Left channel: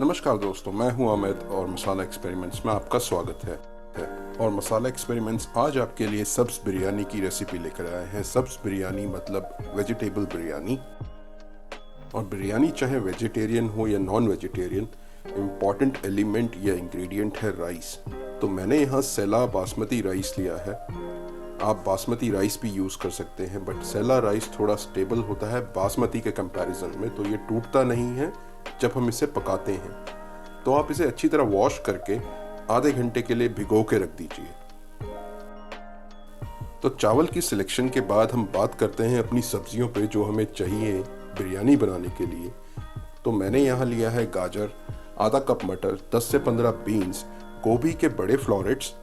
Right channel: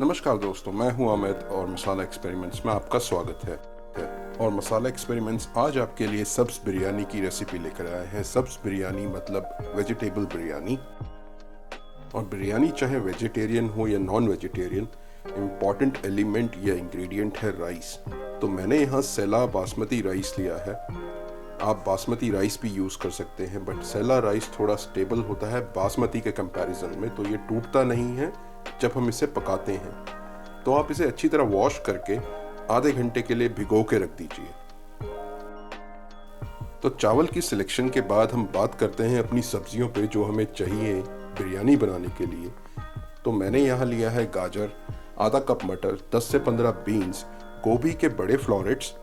नमस्कार दोस्तों, मैं हूं अमित और मसाला एक्सपेरिमेंट्स में आपका स्वागत है। और मसाला एक्सपेरिमेंट्स आज आपके लिए सब्ज बिरयानी की रेसिपी लेकर आए हैं। सब्ज बिरयानी मतलब वेजिटेबल बिरयानी। और बिरयानी चाहे वेजिटेरियन हो या नॉन वेजिटेरियन, इम्पॉर्टेंट एलिमेंट या इंग्रेडिएंट है राइस। तो मैंने यहाँ सेला बासमती राइस लिया है। आप बासमती राइस भी यूज़ कर सकते हैं, बट सेला राइस थोड़ा स्टेबल होता है बासमती के कंपैरिजन में, तो ये टूटता नहीं है जब हम इसे पकाते हैं। तो आप इसे अच्छी तरह वॉश करके आधे घंटे के लिए भिगो के रख दीजिए। तो चावल की सिलेक्शन के बाद हम बात करते हैं अपनी सब्जियों पे जो हमें चाहिए बिरयानी बनाने के लिए। तो मैंने यहाँ लिया है गाजर, आधा कप मटर, 10 से 15 बीन्स, गोभी के बड़े फ्लोरेट्स,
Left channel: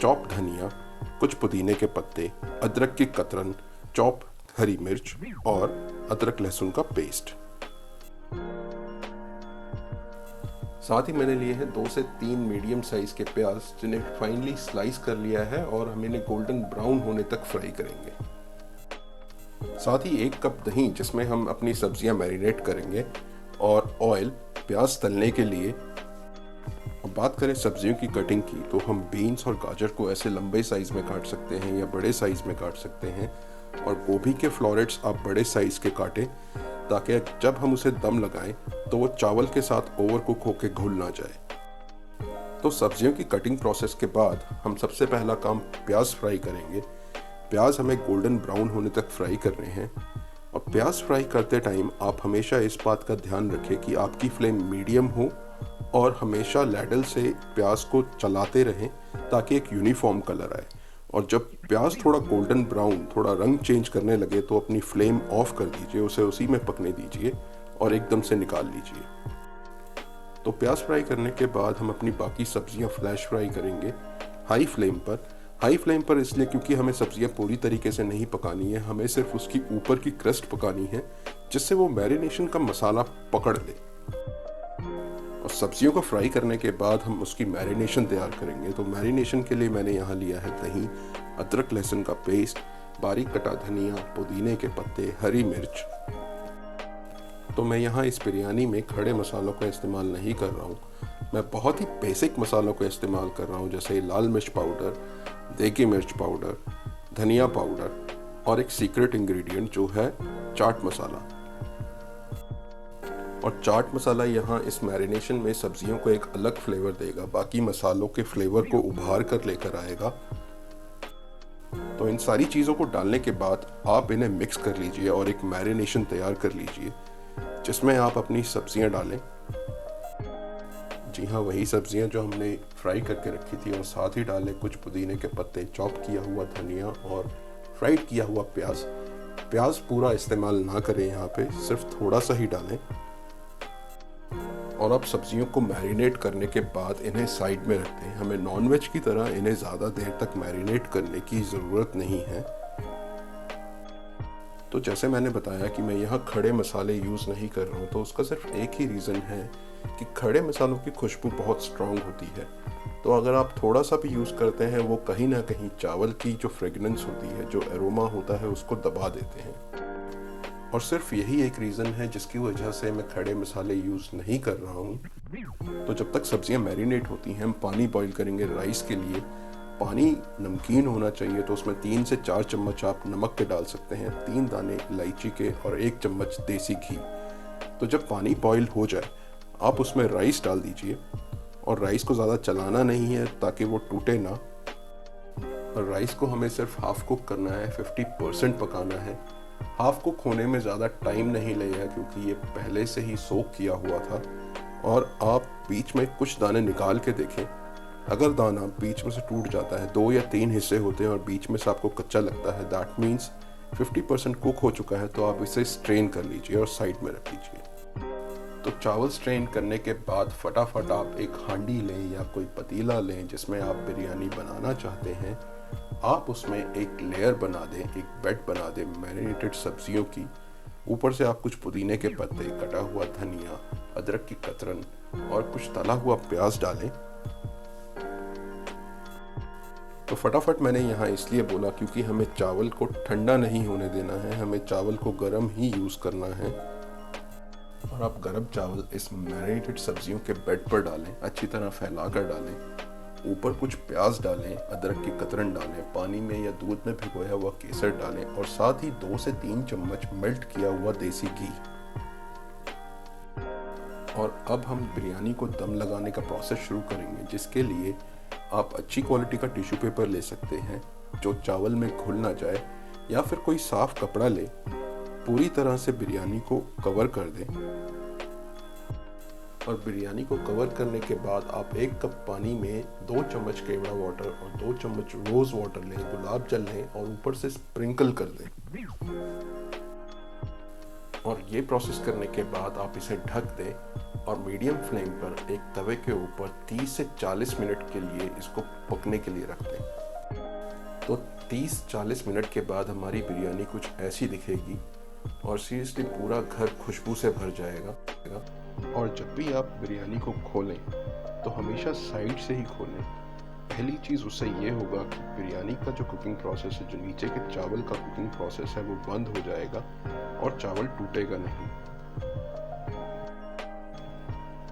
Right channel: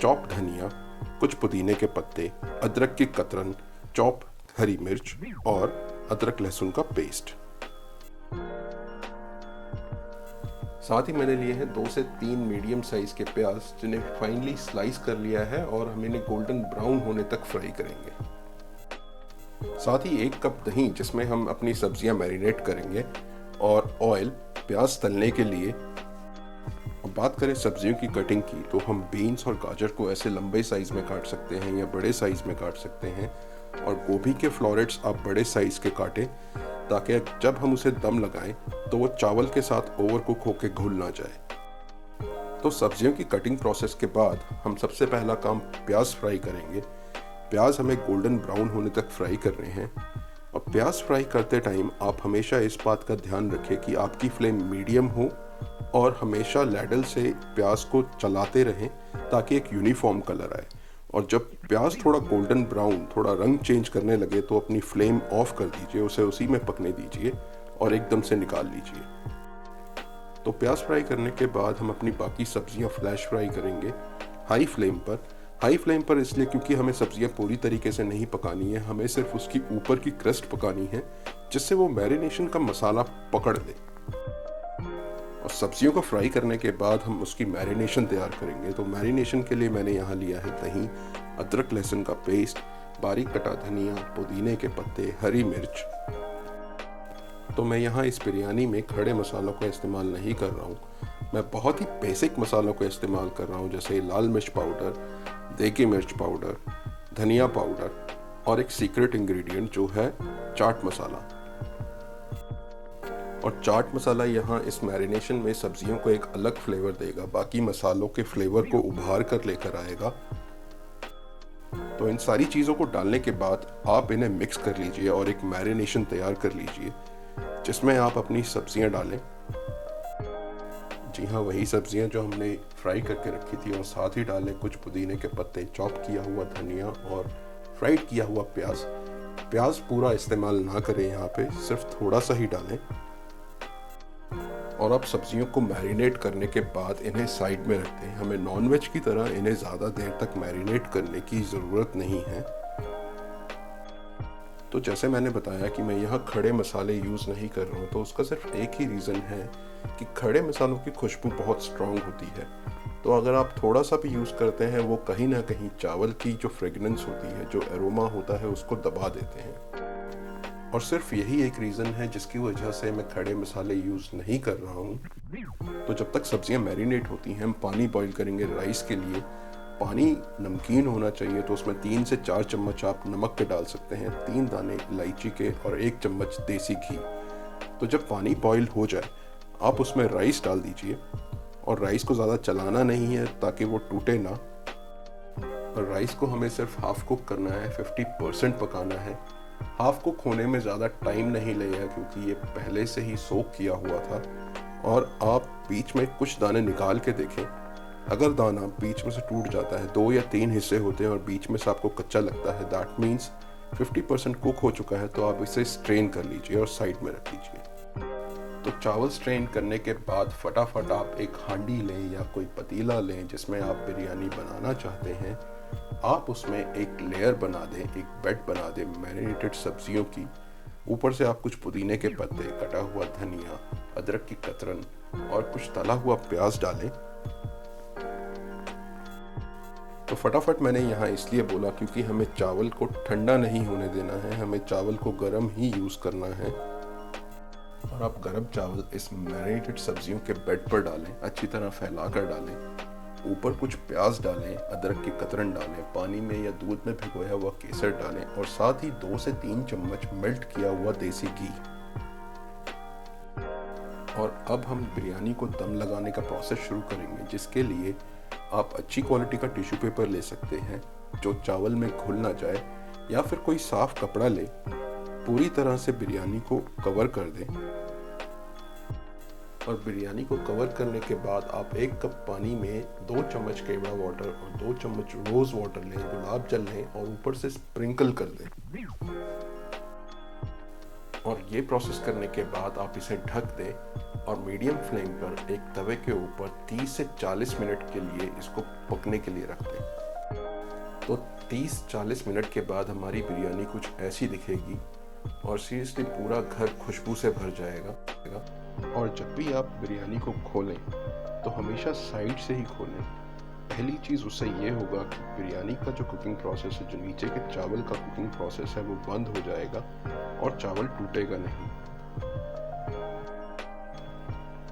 चॉप धनिया, कुछ पुदीने के पत्ते, अदरक की कतरन, चॉप हरी मिर्च और अदरक लहसुन का पेस्ट। साथ ही मैंने लिए हैं 2 से 3 मीडियम साइज के प्याज, जिन्हें फाइनली स्लाइस कर लिया है और हम इन्हें गोल्डन ब्राउन होने तक फ्राई करेंगे। साथ ही 1 कप दही, जिसमें हम अपनी सब्जियां मैरिनेट करेंगे, और ऑयल प्याज तलने के लिए। बात करें सब्जियों की कटिंग की, तो हम बीन्स और गाजर को ऐसे लंबे साइज में काट सकते हैं या बड़े साइज में काट सकते हैं, और गोभी के फ्लोरेट्स आप बड़े साइज के काटें, ताकि जब हम उसे दम लगाएं तो वो चावल के साथ ओवर कुक होकर घुल ना जाए। तो सब्जियों की कटिंग प्रोसेस के बाद हम सबसे पहला काम प्याज फ्राई करेंगे। प्याज हमें गोल्डन ब्राउन होने तक फ्राई करने हैं। और प्याज फ्राई करते टाइम आप हमेशा इस बात का ध्यान रखें कि आपकी फ्लेम मीडियम हो और हमेशा लैडल से प्याज को चलाते रहें ताकि एक यूनिफॉर्म कलर आए। और जब प्याज थोड़ा गोल्डन ब्राउन, थोड़ा रंग चेंज करने लगे, तो अपनी फ्लेम ऑफ कर दीजिए, उसे उसी में पकने दीजिए और एकदम से निकाल लीजिए। तो प्याज फ्राई करने के बाद हम अपनी बाकी सब्जियां फ्लैश फ्राई करेंगे हाई फ्लेम पर। हाई फ्लेम पर इसलिए क्योंकि हमें सब्जियां पूरी तरीके से नहीं पकानी है, हमें सिर्फ उसकी ऊपर की क्रस्ट पकानी है, जिससे वो मैरिनेशन का मसाला पकड़ ले। और सब्जियों को फ्राई करने के बाद हम उसकी मैरिनेशन तैयार करेंगे। तो मैरिनेशन के लिए मैंने यहाँ लिया है दही, अदरक लहसुन का पेस्ट, बारीक कटा धनिया, पुदीने के पत्ते, हरी मिर्च। तो मैं यहाँ इस बिरयानी में खड़े मसालों का इस्तेमाल नहीं कर रहा हूँ। मैं बहुत ही बेसिक मसालों का इस्तेमाल कर रहा हूँ, जैसे लाल मिर्च पाउडर, देगी मिर्च पाउडर, धनिया पाउडर और एक सीक्रेट इंग्रेडिएंट जो है चाट मसाला। और चाट मसाला यहाँ इस मैरिनेशन में सब्जियों को एक अलग फ्लेवर देगा, बाकी मसालों के फ्लेवर को उभार कर लेकर आएगा। तो इन सारी चीज़ों को डालने के बाद आप इन्हें मिक्स कर लीजिए और एक मैरिनेशन तैयार कर लीजिए, जिसमें आप अपनी सब्जियां डालें। जी हाँ, वही सब्जियां जो हमने फ्राई करके रखी थी वो साथ ही डालें। कुछ पुदीने के पत्ते, चॉप किया हुआ धनिया और फ्राइड किया हुआ प्याज। प्याज पूरा इस्तेमाल ना करें यहाँ पे, सिर्फ थोड़ा सा ही डालें। और आप सब्जियों को मैरिनेट करने के बाद इन्हें साइड में रखते हैं। हमें नॉनवेज की तरह इन्हें ज़्यादा देर तक मैरिनेट करने की ज़रूरत नहीं है। तो जैसे मैंने बताया कि मैं यहाँ खड़े मसाले यूज़ नहीं कर रहा हूँ, तो उसका सिर्फ एक ही रीज़न है कि खड़े मसालों की खुशबू बहुत स्ट्रॉन्ग होती है। तो अगर आप थोड़ा सा भी यूज़ करते हैं, वो कहीं ना कहीं चावल की जो फ्रेगनेंस होती है, जो एरोमा होता है, उसको दबा देते हैं। और सिर्फ यही एक रीज़न है जिसकी वजह से मैं खड़े मसाले यूज़ नहीं कर रहा हूँ। तो जब तक सब्जियाँ मैरिनेट होती हैं, हम पानी बॉईल करेंगे राइस के लिए। पानी नमकीन होना चाहिए, तो उसमें 3 से 4 चम्मच आप नमक के डाल सकते हैं, 3 दाने इलायची के और 1 चम्मच देसी घी। तो जब पानी बॉईल हो जाए, आप उसमें राइस डाल दीजिए। और राइस को ज़्यादा चलाना नहीं है ताकि वो टूटे ना। और राइस को हमें सिर्फ हाफ कुक करना है, 50% पकाना है। हाफ कुक होने में ज़्यादा टाइम नहीं लगेगा क्योंकि ये पहले से ही सोक किया हुआ था। और आप बीच में कुछ दाने निकाल के देखें, अगर दाना बीच में से टूट जाता है, 2 या 3 हिस्से होते हैं और बीच में से आपको कच्चा लगता है, दैट मीन्स 50% कुक हो चुका है। तो आप इसे स्ट्रेन कर लीजिए और साइड में रख दीजिए। तो चावल स्ट्रेन करने के बाद फटाफट आप एक हांडी लें या कोई पतीला लें जिसमें आप बिरयानी बनाना चाहते हैं। आप उसमें एक लेयर बना दें, एक बेड बना दें मैरिनेटेड सब्जियों की। ऊपर से आप कुछ पुदीने के पत्ते, कटा हुआ धनिया, अदरक की कतरन और कुछ तला हुआ प्याज डालें। तो फटाफट मैंने यहाँ इसलिए बोला क्योंकि हमें चावल को ठंडा नहीं होने देना है, हमें चावल को गर्म ही यूज़ करना है। और आप गरम चावल इस मैरिनेटेड सब्जियों के बेड पर डालें, अच्छी तरह फैला कर डालें। ऊपर कुछ प्याज डालें, अदरक के कतरन डालें, पानी में या दूध में भिगोया हुआ केसर डालें और साथ ही 2 से 3 चम्मच मेल्ट किया हुआ देसी घी। और अब हम बिरयानी को दम लगाने का प्रोसेस शुरू करेंगे, जिसके लिए आप अच्छी क्वालिटी का टिश्यू पेपर ले सकते हैं जो चावल में घुल ना जाए, या फिर कोई साफ कपड़ा ले, पूरी तरह से बिरयानी को कवर कर दें। और बिरयानी को कवर करने के बाद आप 1 कप पानी में 2 चम्मच केवड़ा वाटर और 2 चम्मच रोज वाटर लें, गुलाब जल लें और ऊपर से स्प्रिंकल कर दें। और ये प्रोसेस करने के बाद आप इसे ढक दें और मीडियम फ्लेम पर एक तवे के ऊपर 30 से 40 मिनट के लिए इसको पकने के लिए रख दें। तो 30-40 मिनट के बाद हमारी बिरयानी कुछ ऐसी दिखेगी और सीरियसली पूरा घर खुशबू से भर जाएगा। और जब भी आप बिरयानी को खोलें तो हमेशा साइड से ही खोलें। पहली चीज़ उससे ये होगा कि बिरयानी का जो कुकिंग प्रोसेस है, जो नीचे के चावल का कुकिंग प्रोसेस है, वो बंद हो जाएगा और चावल टूटेगा नहीं।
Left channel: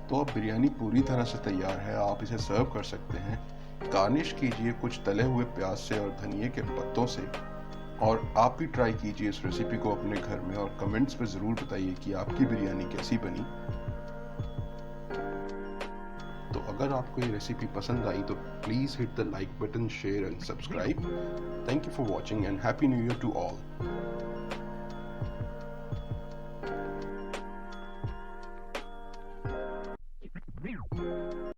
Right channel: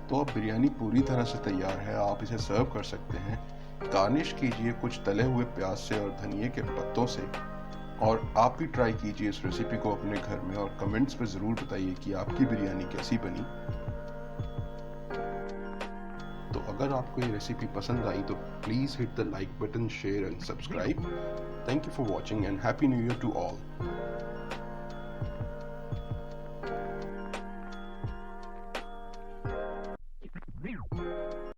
तो अब बिरयानी पूरी तरह से तैयार है, आप इसे सर्व कर सकते हैं। गार्निश कीजिए कुछ तले हुए प्याज से और धनिए के पत्तों से। और आप भी ट्राई कीजिए इस रेसिपी को अपने घर में और कमेंट्स में ज़रूर बताइए कि आपकी बिरयानी कैसी बनी। तो अगर आपको ये रेसिपी पसंद आई तो please hit the like button, share and subscribe. Thank you for watching and happy new year to all.